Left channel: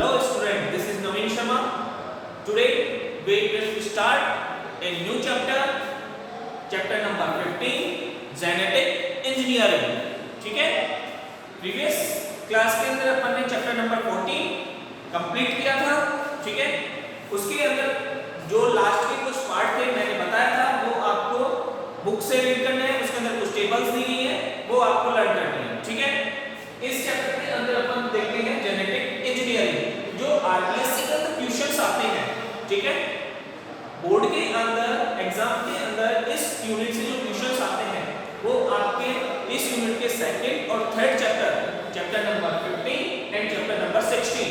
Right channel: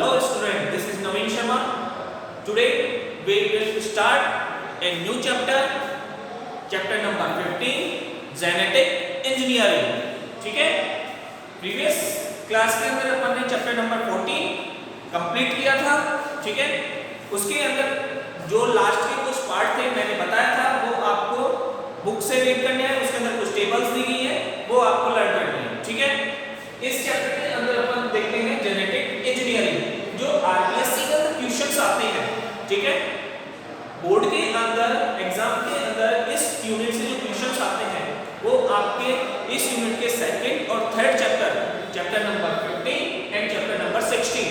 Hello student, this is Naveen Sharma. Today we will start a new chapter, chapter number 15, Genetic Engineering. ठीक है? Previous class के अंदर अपन ने chapter number 14 complete किया था, ठीक है? उसके अंदर जो लास्ट के कुछ पार्ट थे मैंने बताया था वो आपको बुक से रीड करने हैं, उसके अंदर कुछ टेबल्स दी गई है वो आपको लर्न करनी है, ठीक है? इस चैप्टर के अंदर अपन देखते हैं जेनेटिक इंजीनियरिंग, जो आरपीएससी के अंदर क्वेश्चंस आते हैं, ठीक है? बोर्ड के अंदर एग्जाम के अंदर इस यूनिट से जो क्वेश्चंस आते हैं वो आपके इस यूनिट के सेकंड और third chapter number 15 and chapter number 16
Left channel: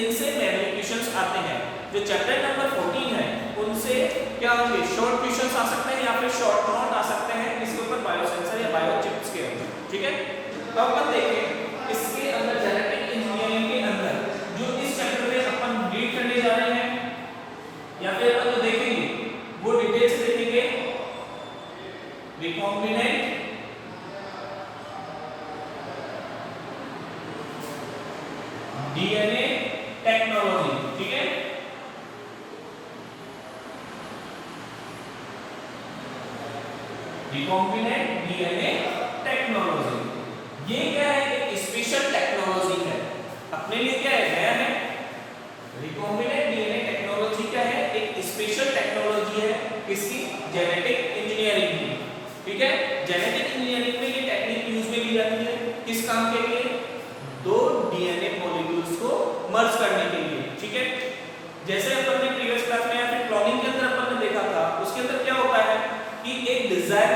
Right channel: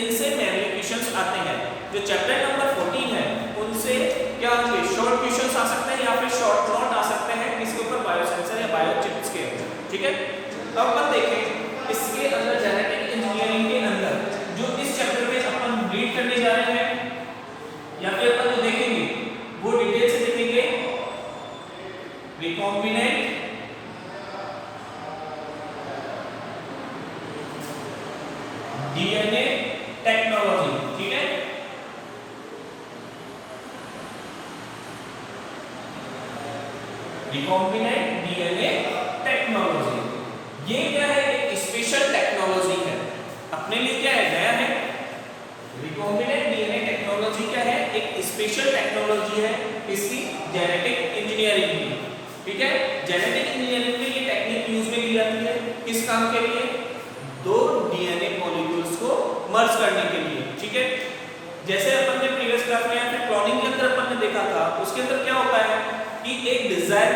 इनसे मेनली क्वेश्चंस आते हैं। जो चैप्टर नंबर 14 है उनसे क्या होंगे, शॉर्ट क्वेश्चंस आ सकते हैं या फिर शॉर्ट नोट आ सकते हैं इसके ऊपर बायोसेंसर या बायोचिप्स के अंदर, ठीक है? अब अपन देखें इसके अंदर जेनेटिक इंजीनियरिंग के अंदर जो इस चैप्टर में अपन रीड करने जा रहे हैं या फिर अपन जो देखेंगे वो डिटेल से देखेंगे। रिकॉम्बिनेंट डीएनए टेक्नोलॉजी, ठीक है? रिकॉम्बिनेंट डीएनए टेक्नोलॉजी ये क्या है, एक स्पेशल टेक्नोलॉजी है, अपने लिए क्या है, नया है। रिकॉम्बिनेंट डीएनए टेक्नोलॉजी क्या है, एक स्पेशल टेक्नोलॉजी है इसकी जेनेटिक इंजीनियरिंग की, ठीक है? जेनेटिक इंजीनियरिंग में ये टेक्निक यूज में ली जाती है किस काम के लिए, दो डीएनए मॉलिक्यूल्स को मर्ज करने के लिए, ठीक है? जैसे अपन ने प्रीवियस क्लास में या फिर क्लोनिंग के अंदर अपन ने देखा था, उसके अंदर क्या होता है कि एक डिजायर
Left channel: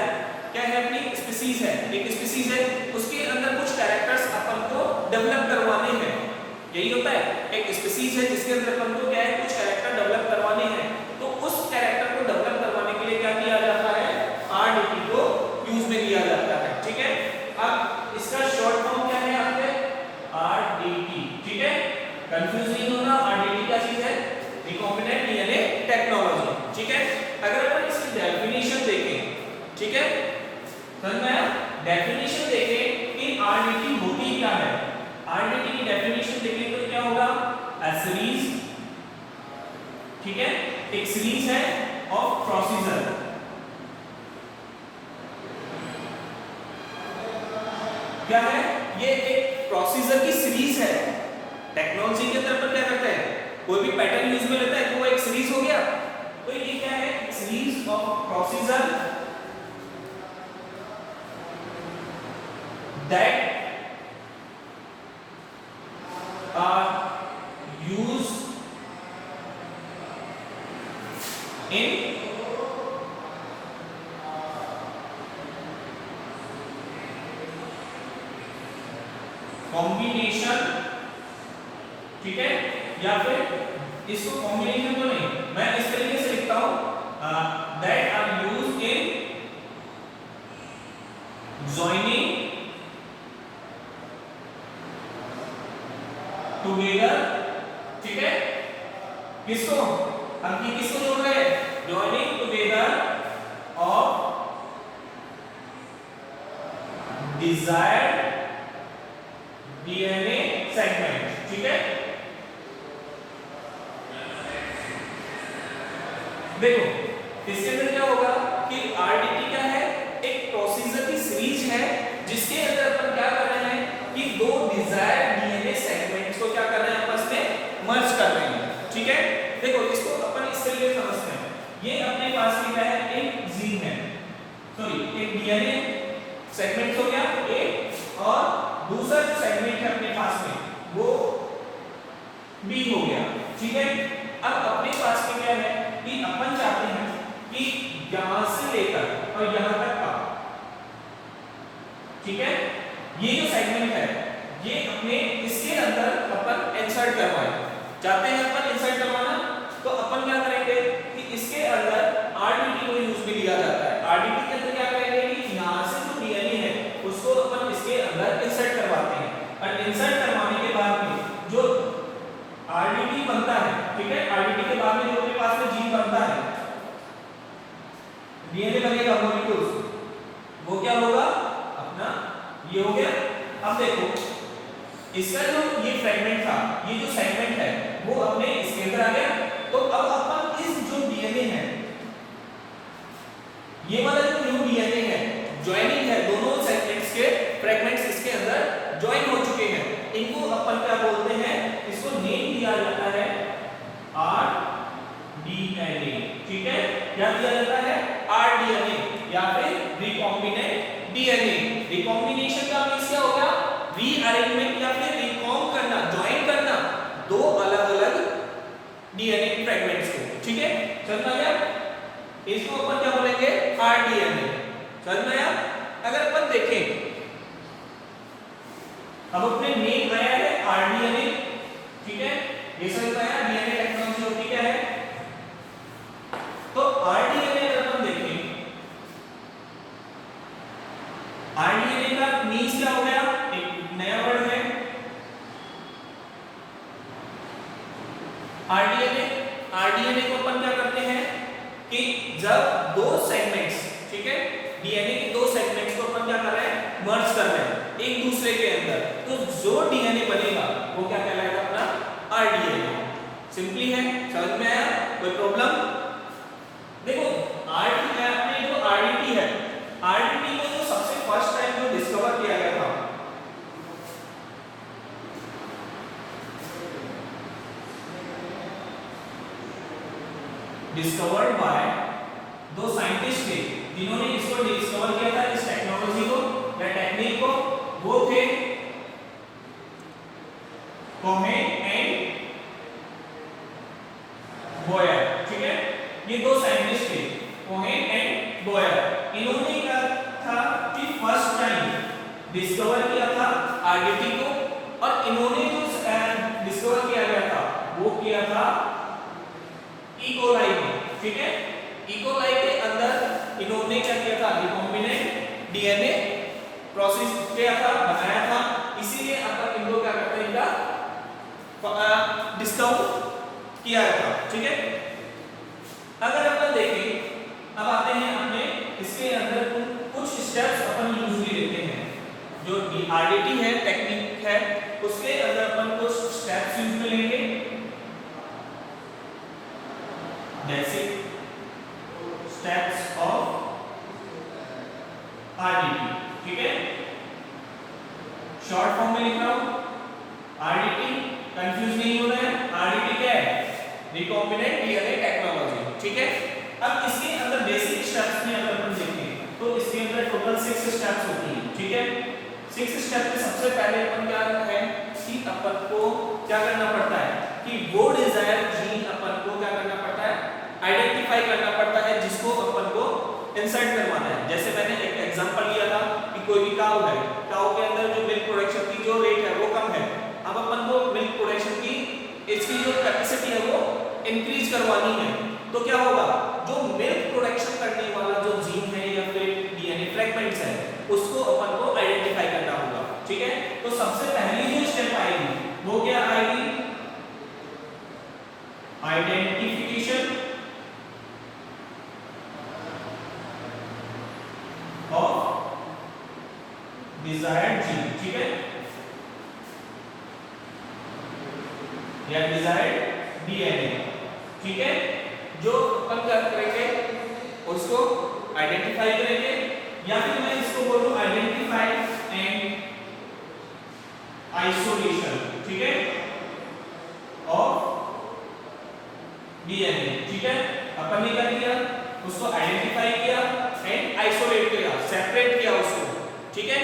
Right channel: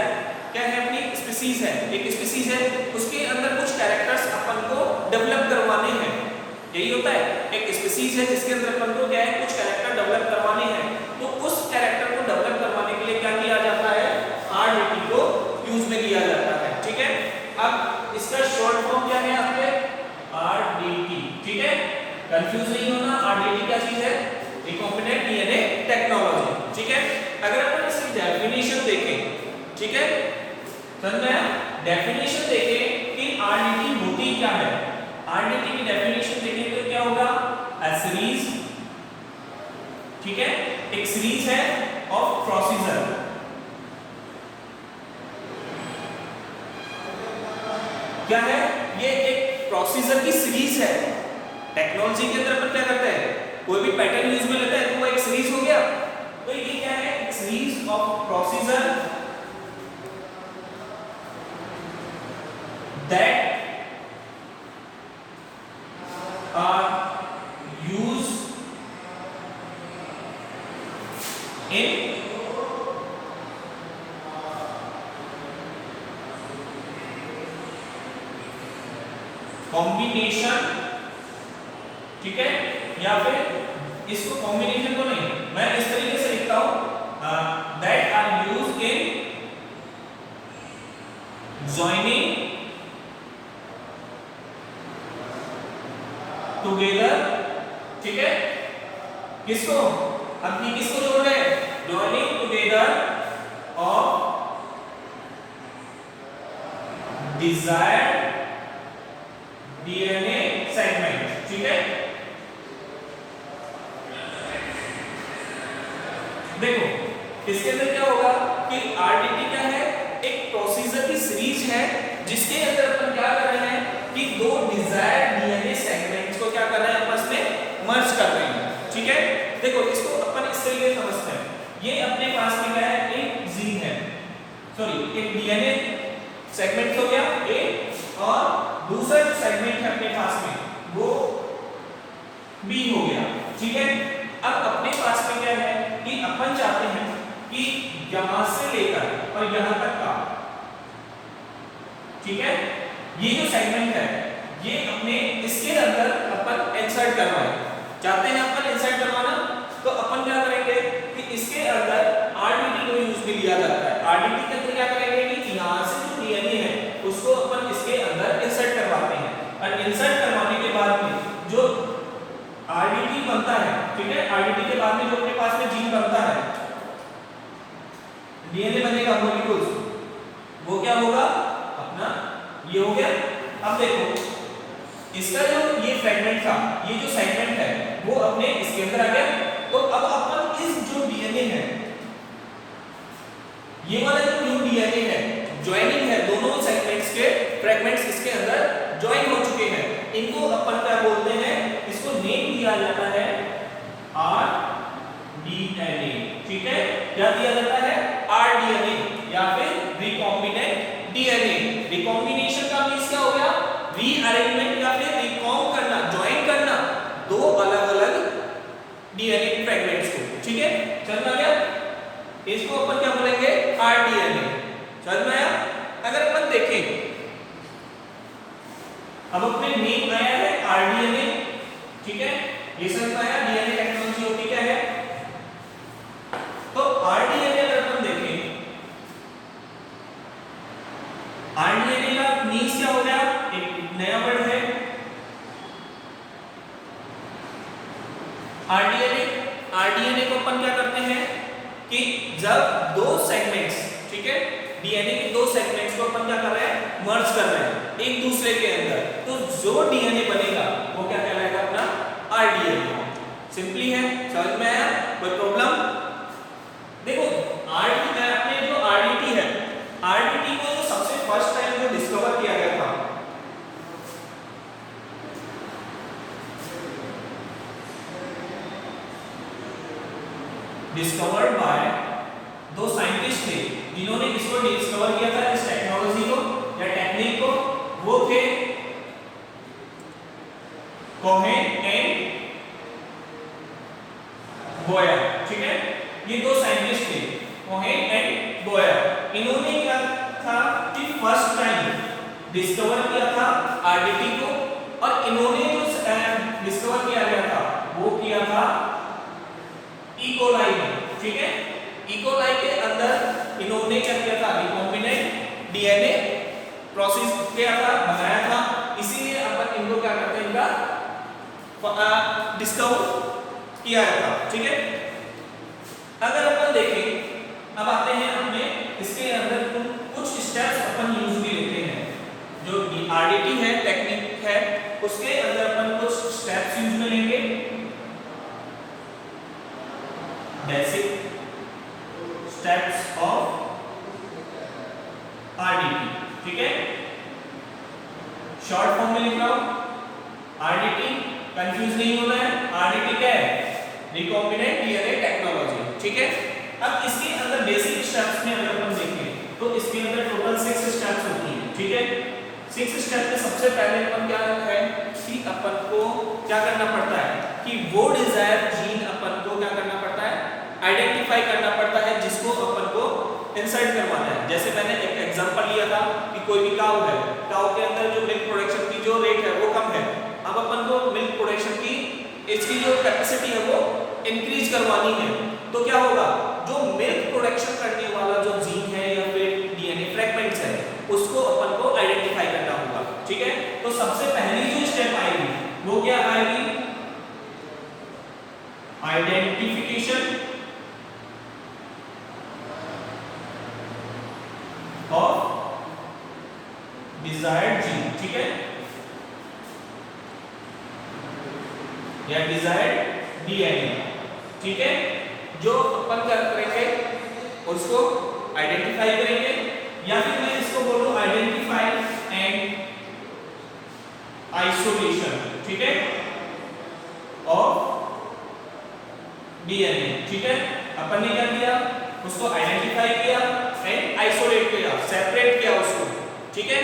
क्या है, अपनी स्पीसीज है, एक स्पीसीज है, उसके अंदर कुछ कैरेक्टर्स अपन को डेवलप करवाने हैं, यही होता है। एक स्पीसीज है जिसके अंदर अपन को क्या है, कुछ कैरेक्टर डेवलप करवाने हैं, तो उस कैरेक्टर को डेवलप करवाने के लिए क्या किया जाता है, आरडीटी को यूज में लिया जाता है, ठीक है? अब इसका शॉर्ट फॉर्म क्या है आपके, आरडीटी, ठीक है? कंफ्यूज नहीं होना, आरडीटी क्या चीज है, रिकॉम्बिनेंट डीएनए टेक्नोलॉजी, ठीक है? अगर अपन इसकी डेफिनेशन देखें, ठीक है, समझ में आया? डेफिनेशन देखें कि आरडीटी होती क्या है, आरडीटी की डेफिनेशन देखें तो क्या होगा, अ सीरीज, ठीक है, एक सीरीज है ऑफ प्रोसीजर, क्या है ये, एक प्रोसीजर की सीरीज है। टेक्नोलॉजी के अंदर अपन क्या करते हैं, कोई भी पैटर्न यूज में लेता है तो वो एक सीरीज हो गया, तो ये क्या है, एक series of procedure that are used in combination, ठीक है? या फिर इसको कॉम्बिनेशन को नहीं, मैं इस तरीके से लिखता हूं, that are used in joining together, ठीक है? किसको, अब ये किसको जोड़ रहे हैं, joining together of desired DNA segment, ठीक है? देखो इसके अंदर क्या होगा कि आरडीटी क्या है, एक प्रोसीजर की सीरीज है जिसके अंदर अपन क्या कर रहे हैं कि दो डिजायर्ड डीएनए सेगमेंट्स को क्या कर रहे हैं, आपस में मर्ज कर रहे हैं, ठीक है? देखो इसको अपन इस तरीके से समझते हैं, ये अपने पास में क्या है, एक जीन है, सॉरी एक डीएनए सेगमेंट हो गया ए, और दूसरा जो सेगमेंट है अपने पास में वो बी हो गया, ठीक है? अब अपने पास में क्या है कि अपन चाहते हैं कि यहां से लेकर और यहां तक का, ठीक है, ये जो सेगमेंट है ये अपने इसके अंदर अपन इंसर्ट करवाएं, चाहते हैं अपन इंसर्ट करवाना, तो अपन क्या करेंगे कि इसके अंदर आरडीटी को यूज में लिया जाता है। आरडीटी के अंदर क्या करेंगे कि यहां से जो डीएनए है उसको अपन इसके अंदर इंसर्ट करवाते हैं, और इंसर्ट करवाने के बाद में जो आरडीटी बनता है, ठीक है, आरडीटी के बाद में जो अपने पास में जीन बनता है, डीएनए बनेगा मॉलिक्यूल्स, वो क्या होगा अपना ये हो गया। अब देखो इसका जो ये फ्रेगमेंट था, ये जो सेगमेंट है दिया जाता है rDNA, ठीक है, क्या दिया जाता है rDNA या फिर रिकॉम्बिनेंट डीएनए। रिकॉम्बिनेशन का मींस क्या हो गया, रीअरेंजमेंट या फिर रिकॉम्ब करना, ज्वाइन करना दो अलग अलग डीएनए फ्रेगमेंट्स को, ठीक है, समझ में गया। इसको अपन क्या बोलेंगे, rDNA, समझ में आया। अगर अपन देखें अब अपने नेम आया है rDNA, ठीक है, ये समझ में आया डीएनए टेक्नोलॉजी होती क्या है। तो rDNA अगर अपन देखें, rDNA का मीन्स क्या हो गया, एक नया वर्ड है rDNA को अपन क्या करते हैं कि जब दो सेगमेंट्स, ठीक है, डीएनए के दो सेगमेंट्स को अपन क्या कर रहे हैं, मर्ज कर रहे हैं एक दूसरे के अंदर, तो जो डीएनए बनेगा वो क्या कहलाएगा, अपना rDNA। सिंपली है, समझ में आया, कोई प्रॉब्लम। देखो अपने जो आरडीटी है, आरडीटी को जो सबसे फर्स्ट टाइम जो डिस्कवर किया गया था, डिस्कवर्ड बाय दो साइंटिस्ट थे जिन्होंने इसको डिस्कवर किया था, इस टेक्नोलॉजी को या टेक्निक को, वो थे कोहेन एंड बोयर, ठीक है, ये दो साइंटिस्ट थे कोहेन एंड बोयर। इन्होंने क्या था कि फर्स्ट टाइम डिस्कवर किया था आरडीटी को, और इन्होंने जो डिस्कवर किया गया था वो किया था इकोलाई में, ठीक है, इकोलाई के अंदर इन्होंने क्या किया था, रिकॉम्बिनेंट डीएनए प्रोसेस किया था, बनाया था, इसीलिए अपन इनको क्या करते हैं, इनका डिस्कवर किया गया था, ठीक है। अगर अपन देखें, अब आते हैं अपने इसके अंदर कुछ स्टेप्स अपन यूजुअली लेते हैं, जो आरडीटी है टेक्निक है उसके अंदर अपन कुछ स्टेप्स यूज में लेंगे। बेसिक स्टेप्स ऑफ आरडीटी, ठीक है, शॉर्ट फॉर्म में लिख रहा हूं आरडीटी, कंफ्यूज नहीं होना है, आरडीटी क्या है, रिकॉम्बिनेंट डीएनए टेक्नोलॉजी, ठीक है। अब इसके अंदर बेसिक स्टेप्स में अगर अपन देखें तो इसके अंदर टोटल 6 स्टेप्स होती हैं, ठीक है। 6 स्टेप में सबसे पहले अपन क्या है कि अपन को क्या करना पड़ता है कि वो डिजायर्ड जीन अपन को क्या करना पड़ता है, आइडेंटिफाई करना पड़ता है, जिसको अपन को इंसर्ट करवाना है। जैसे मैंने एक एग्जांपल लिया था कि कोई भी काऊ है, काऊ के अंदर जो मिल्क प्रोडक्शन की जो रेट है वो कम है, अब अपन को मिल्क प्रोडक्शन की इसकी जो कैपेसिटी है वो इंक्रीज करवानी है, तो क्या होगा, जो मिल्क प्रोडक्शन करने वाला जो जीन है या फिर डीएनए फ्रेगमेंट्स है उसको अपन को आइडेंटिफाई करना होगा, ठीक है। तो सबसे पहली जो स्टेप आएगी वो क्या आएगी, आइडेंटिफिकेशन ऑफ डिजायर्ड जीन, ठीक है, या डिजायर्ड डीएनए, ठीक है। जो अपन क्या करेंगे उसको आइडेंटिफाई करेंगे, या फिर मैं इसको बोलूं आइडेंटिफाई एंड आइसोलेशन, ठीक है, ऑफ डीएनए, ठीक है। अपन ने क्या किया, उसको आइडेंटिफाई किया एंड आइसोलेट किया, सेपरेट किया उसको, ठीक है।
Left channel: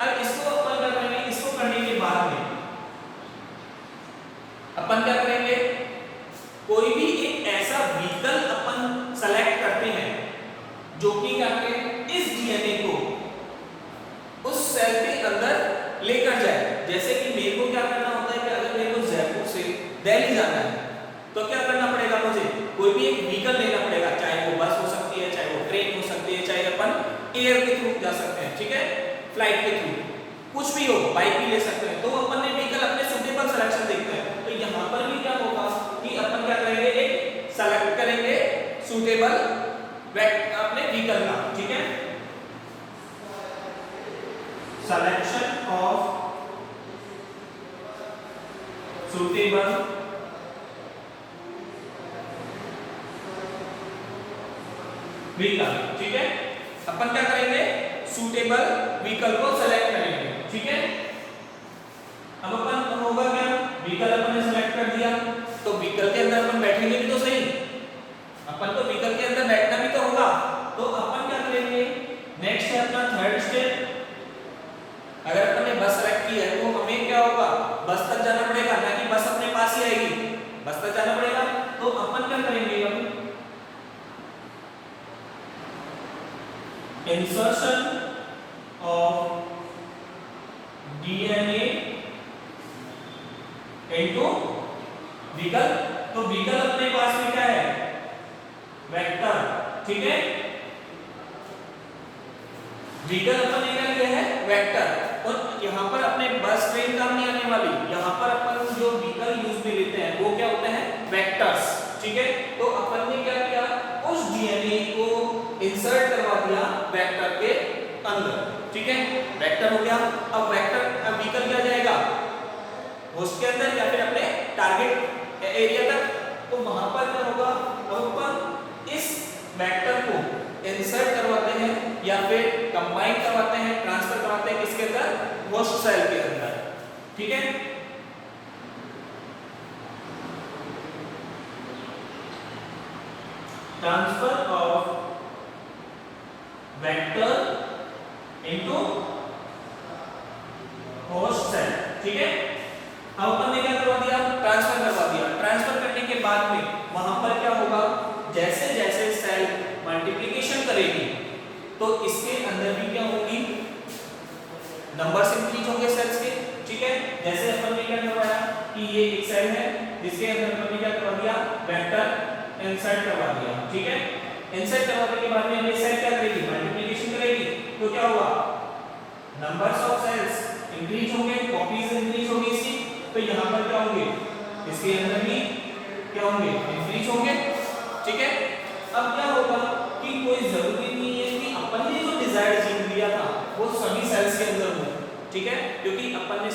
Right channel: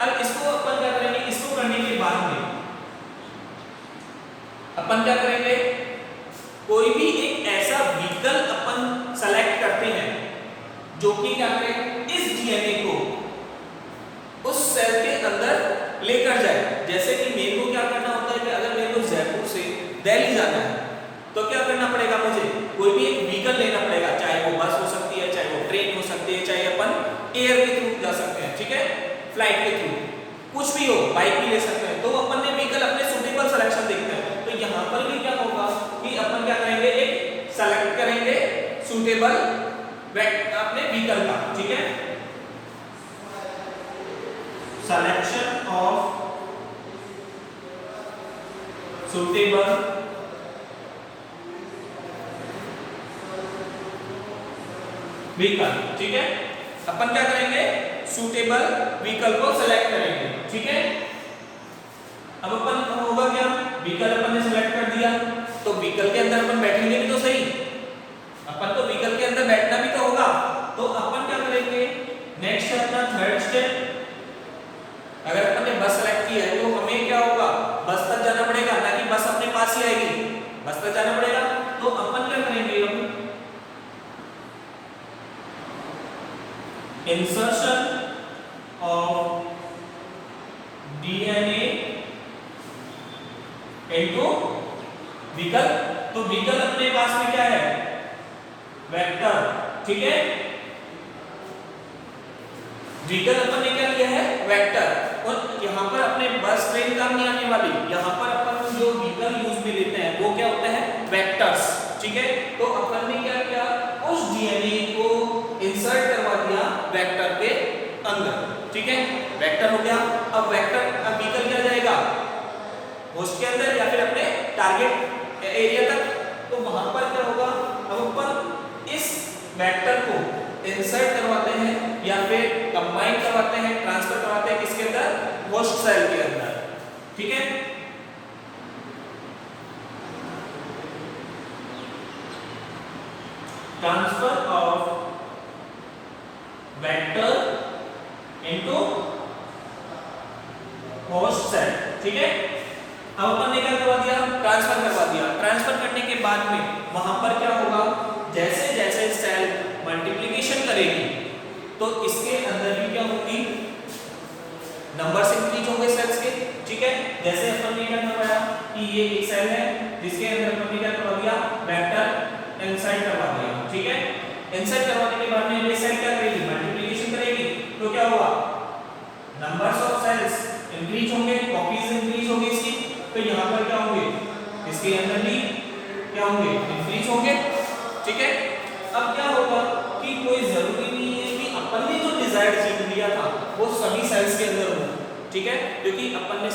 अब इसको अपन क्या करेंगे, इसको करने के बाद में अपन क्या करेंगे, कोई भी एक ऐसा व्हीकल अपन सेलेक्ट करते हैं जो कि क्या करें, इस डीएनए को उस सेल के अंदर लेकर जाए। जैसे कि मेरे को क्या करना होता है कि अगर मेरे को जयपुर से दिल्ली जाना है तो क्या करना पड़ेगा, मुझे कोई भी एक व्हीकल लेना पड़ेगा, चाहे वो बस हो सकती है, चाहे वो ट्रेन हो सकती है, चाहे अपन एयर के थ्रू जा सकते हैं, ठीक है, फ्लाइट के थ्रू, कुछ भी हो, बाइक भी ले सकते हैं। तो अपन ने व्हीकल अपने सुटेबल सिलेक्शन देखते हैं, तो यहाँ पर भी क्या होगा कि अपन क्या करेंगे, एक सेलेक्ट करेंगे सुटेबल अपने व्हीकल का, ठीक है, सिलेक्शन ऑफ सुटेबल व्हीकल, ठीक है। अपन क्या करेंगे, सूटेबल व्हीकल को सेलेक्ट करेंगे, ठीक है। अब अपन होगा क्या, व्हीकल अपन ने सेलेक्ट कर दिया, तो व्हीकल के अंदर अपन बैठेंगे भी तो सही, अपन को व्हीकल के अंदर बैठना भी तो होगा। तो अपन क्या करेंगे, नेक्स्ट है अपना थर्ड स्टेप। अगर अपन ने बस सेलेक्ट की है तो हमें क्या होगा, बस तक जाना पड़ेगा, ना कि बस अपने पास ही आएगी, बस तक जाना पड़ेगा। तो अपन क्या करेंगे, हम insertion of DNA into vehicle. तो व्हीकल अपने पास में क्या है, वेक्टर, ठीक है। व्हीकल अपन ने क्या लिया है, वेक्टर। और यहाँ पर अपने बस ट्रेन काम नहीं आने वाली, यहाँ पर अपन जो व्हीकल यूज में लेते हैं वो क्या होता है, वेक्टर्स, ठीक है। तो अपन ने क्या किया, उस डीएनए को इंसर्ट करवा दिया वेक्टर के अंदर, ठीक है, वेक्टर हो गया। अब वेक्टर, अब व्हीकल क्या जाएगा, होस्ट के अंदर या फिर अपने टारगेट एरिया तक। तो वहां पर क्या होगा, अब अपन इस वेक्टर को इंसर्ट करवाते हैं या फिर कंबाइन करवाते हैं, ट्रांसफर करवाते हैं किसके अंदर, होस्ट सेल के अंदर, ठीक है। Transfer of vector into host cell, ठीक है। अब अपन ने क्या करवा दिया, ट्रांसफर करवा दिया। ट्रांसफर करने के बाद में वहां पर क्या होगा, जैसे जैसे सेल मल्टीप्लिकेशन करेगी तो इसके अंदर भी क्या होगी, नंबर्स इंक्रीज होंगे सेल्स के, ठीक है। जैसे अपन ने क्या करवाया कि ये एक सेल है जिसके अंदर अपन ने क्या करवा दिया, वेक्टर इंसर्ट करवा दिया, ठीक है। इंसर्ट करवाने के बाद में ये सेल क्या करेगी, मल्टीप्लिकेशन करेगी। तो क्या हुआ, नंबर्स ऑफ सेल्स इंक्रीज होंगे, कॉपीज इंक्रीज होंगी इसकी। तो यहाँ पर क्या होंगे, इसके अंदर भी क्या होंगे, इंक्रीज होंगे, ठीक है। अब क्या होगा कि कोई जरूरी नहीं है कि अपन ने जो डिजायर्ड जीन लिया था वो सभी सेल्स के अंदर हो, ठीक है, क्योंकि अपन ने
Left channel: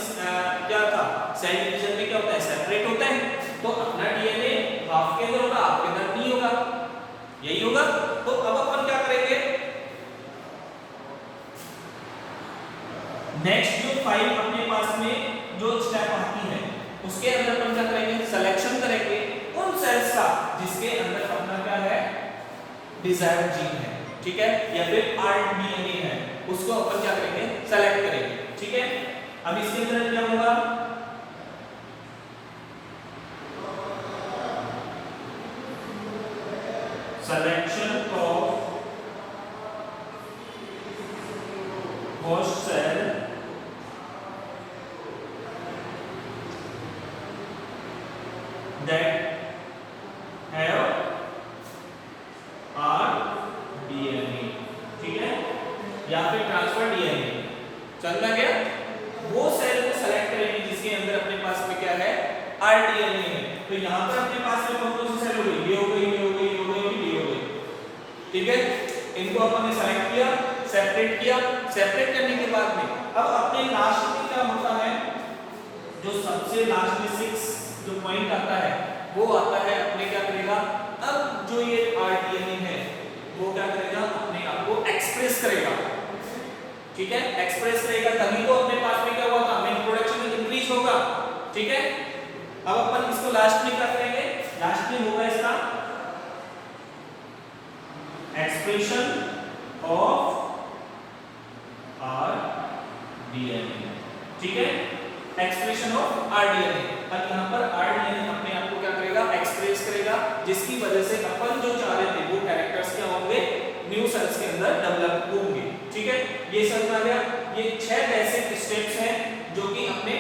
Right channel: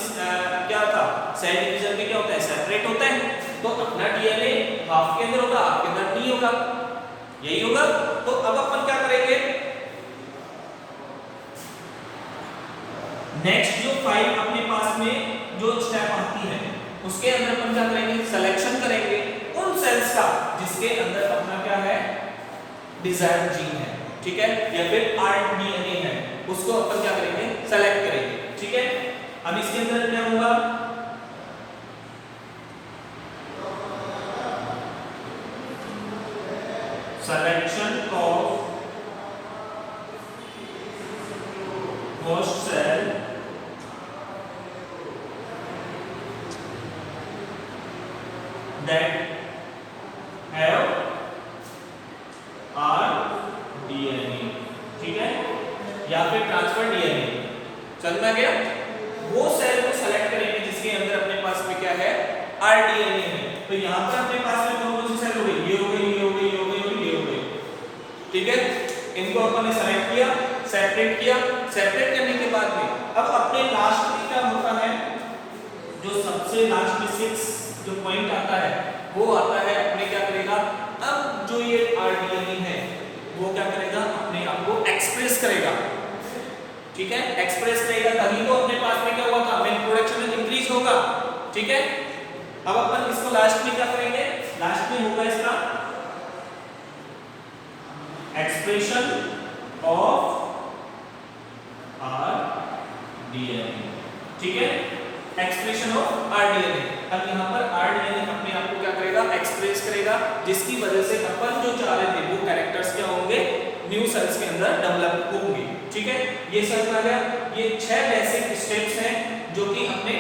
क्या था, सेल डिवीजन में क्या होता है, सेपरेट होता है। तो अपना डीएनए हाफ के अंदर होगा, आपके अंदर नहीं होगा, यही होगा। तो अब अपन क्या करेंगे, नेक्स्ट जो फाइल अपने पास में जो स्टेप आती है उसके अंदर अपन क्या करेंगे, सिलेक्शन करेंगे उन सेल्स का जिसके अंदर अपना क्या है, डिजायर्ड जीन है, ठीक है, या फिर आरडीएनए है, उसको अपन क्या करेंगे, सेलेक्ट करेंगे, ठीक है। अब इसके अंदर क्या होगा, selection of host cell that have RDNA, ठीक है, या फिर ट्रांसफर डीएनए, समझ में गया। वो सेल को सेलेक्ट करेंगे जिसके अंदर अपने पास में क्या है, आरडीएनए है। तो यहाँ पर अपने पास में कौन कौन सी सेल हो गई, ये हो गई, ये हो गई, ये हो गई, ये हो गई, ठीक है। इनको अपन ने सेलेक्ट किया, सेपरेट किया। सेपरेट करने के बाद में अब अपने लास्ट में क्या होता है, जो सबसे लास्ट में 6 जो पॉइंट आता है वो आता है, अपने क्या करेगा, अब जो ये आरडीएनए है वो क्या करेगा, अपने आप को एक्सप्रेस करेगा, ठीक है, एक्सप्रेस करेगा, तभी तो अपने पास में क्या हुआ था, मिल्क प्रोडक्शन इंक्रीज होगा, ठीक है। अब अपन इसको लास्ट में क्या करेंगे, लास्ट में होगा इसका एक्सप्रेशन ऑफ आरडीएनए, ठीक है, एक्सप्रेशन ऑफ आरडीएनए। अब यहाँ पर आरडीएनए अपने आप को क्या करेगा, एक्सप्रेस करेगा, जिसकी वजह से अपन जो चाह रहे थे वो कैरेक्टर्स क्या होंगे, न्यू सेल्स के अंदर डेवलप होंगे, ठीक है। ये समझ में आ गया। ये 6 बेसिक स्टेप्स हैं जो कि अपने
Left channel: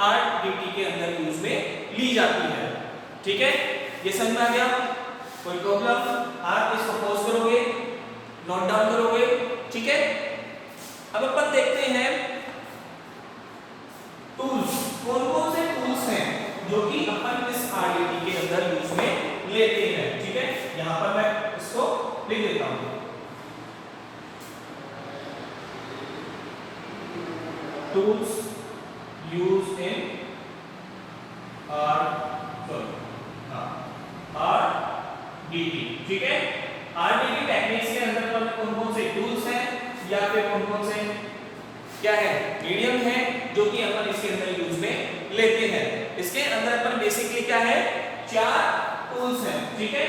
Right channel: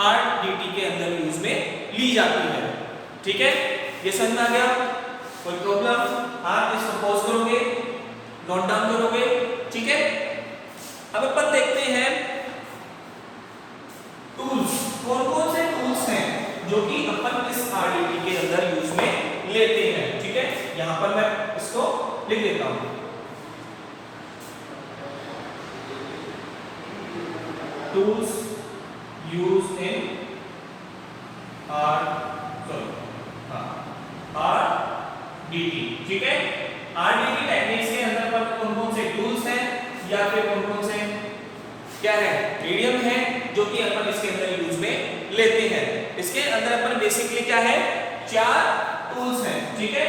आरडीटी के अंदर यूज में ली जाती है, ठीक है। ये समझ में आ गया, कोई प्रॉब्लम, आप इसको पॉज करोगे, नोट डाउन करोगे, ठीक है। अब अपन देखते हैं टूल्स, कौन कौन से टूल्स हैं जो कि अपन इस आरडीटी के अंदर यूज में लेते हैं, ठीक है। यहां पर मैं इसको लिख देता हूं, टूल्स यूज इन आरडीटी, ठीक है। आरडीटी टेक्निक्स के अंदर पर कौन कौन से टूल्स हैं या फिर कौन कौन से क्या है, मीडियम है जो कि अपन इसके अंदर यूज में लेते हैं। इसके अंदर अपन बेसिकली क्या है, 4 टूल्स हैं, ठीक है,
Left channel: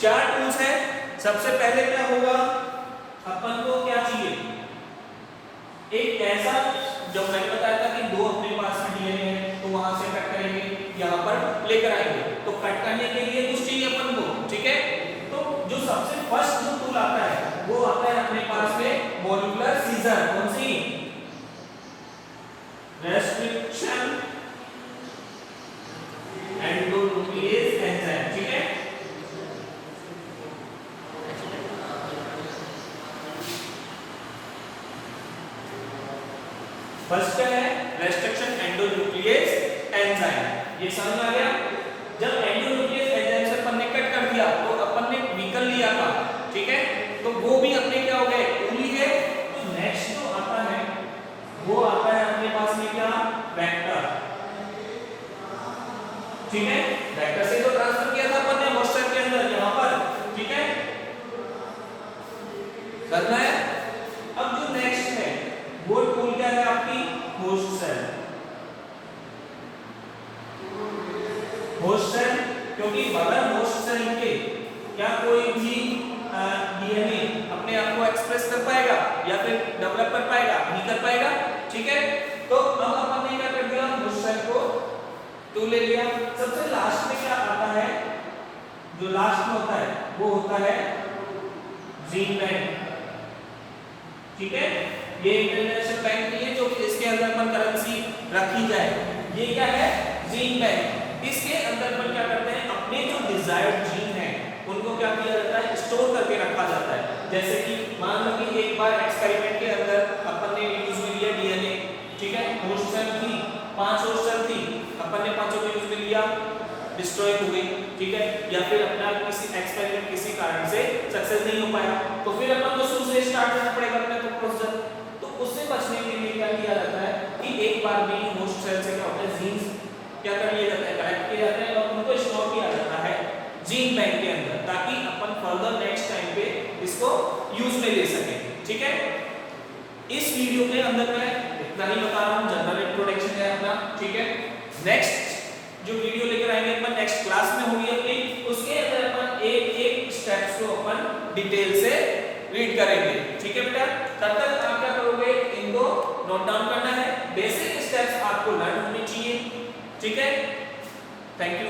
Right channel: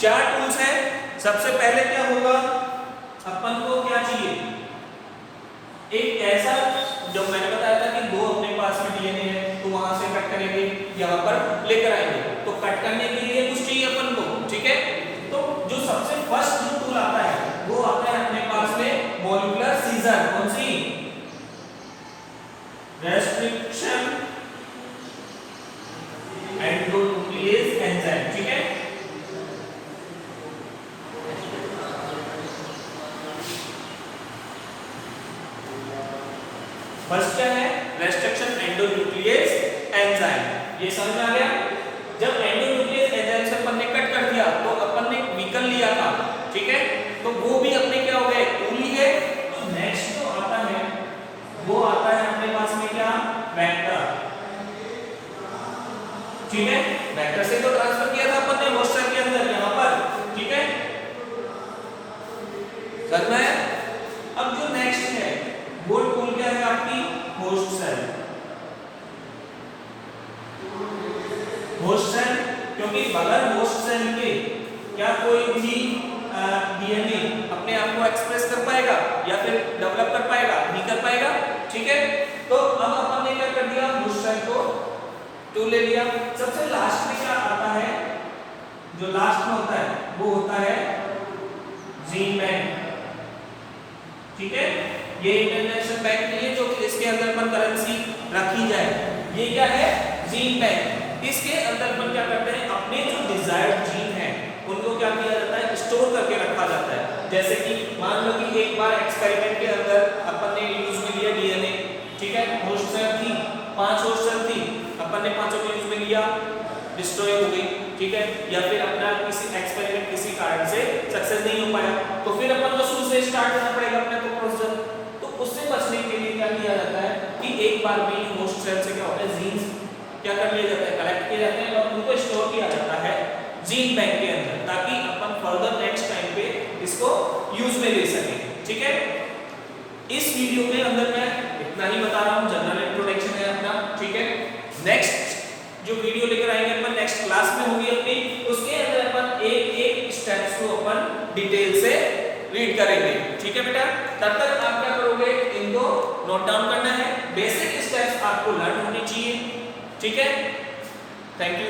4 टूल्स हैं। सबसे पहले क्या होगा, अपन को क्या चाहिए, एक ऐसा, जब मैंने बताया था कि 2 अपने पास में डीएनए है तो वहां से कट करेंगे, यहां पर लेकर आएंगे, तो कट करने के लिए कुछ चाहिए अपन को, ठीक है। तो जो सबसे फर्स्ट जो टूल आता है वो आता है अपने पास में मॉलिक्यूलर सीजर, कौन सी, रेस्ट्रिक्शन एंडोन्यूक्लियेज एंजाइम, ठीक है। फर्स्ट क्या है, रेस्ट्रिक्शन एंडोन्यूक्लियेज एंजाइम, ये समझ में आ गया। जब एंडोन्यूक्लियेज एंजाइम से अपन ने कट कर दिया तो अपन ने व्हीकल लिया था, ठीक है, तो वो भी अपने क्या हो गए, टूल ही है। तो नेक्स्ट जो आता है वो आता है अपने पास में क्या, वेक्टर, ठीक है। वेक्टर से तो ट्रांसफर किया था अपन ने होस्ट सेल के अंदर, यहां पर, ठीक है, करना है। अब जो नेक्स्ट है वो टूल क्या है आपकी, होस्ट सेल, होस्ट सेल, क्योंकि बगैर होस्ट सेल के क्या कोई भी डीएनए अपने आप को एक्सप्रेस कर पाएगा या फिर डेवलप कर पाएगा, नहीं कर पाएगा, ठीक है। तो अब अपन ने क्या कर दिया, होस्ट सेल को टूल ले लिया। सबसे लास्ट में क्या आता है, जो लास्ट में होता है वो होता है जीन बैंक, ठीक है। ये इंटरनेशनल बैंक नहीं है जो कि इसके अंदर अपन करेंसी रखी जाए, ये क्या है, जीन बैंक। इसके अंदर अपन क्या करते हैं, अपने जो डिजायर्ड जीन है उनको क्या किया जाता है, स्टोर करके रखा जाता है। जैसे कि मान लो कि एक बार एक्सपेरिमेंट के अंदर अपन ने यूज में लिया डीएनए, ठीक है, होस्ट सेल थी, 5 होस्ट सेल थी, अपन ने 5 को यूज में लिया, डिस्ट्रॉय हो गई, ठीक है, या फिर अपना किसी एक्सपेरिमेंट किसी कारण से सक्सेस नहीं हो पाया, तो फिर अपन को शुरू से स्टार्ट करना पड़ेगा अपने को प्रोसेस। तो उससे बचने के लिए क्या किया जाता है कि एक बार में होस्ट सेल से क्या होता है, जीन्स क्या कर लिया जाता है, कलेक्ट किए जाते हैं और उनको स्टोर किया जाता है जीन बैंक के अंदर, ताकि अपन फर्दर नेक्स्ट टाइम पे इसको यूज में ले सकें, ठीक है। इस वीडियो के अंदर मैं इतना ही बता रहा हूँ, जनरल इंट्रोडक्शन है अपना, ठीक है। नेक्स्ट जो वीडियो लेकर आएंगे अपन नेक्स्ट क्लास में होगी अपनी, उसके अंदर अपन एक एक स्टेप्स को अपन डिटेल से रीड करेंगे, ठीक है बेटा। तब तक आप क्या करोगे, इनको नोट डाउन करना है, बेसिक स्टेप्स आपको लर्न होनी चाहिए, ठीक है। Thank you.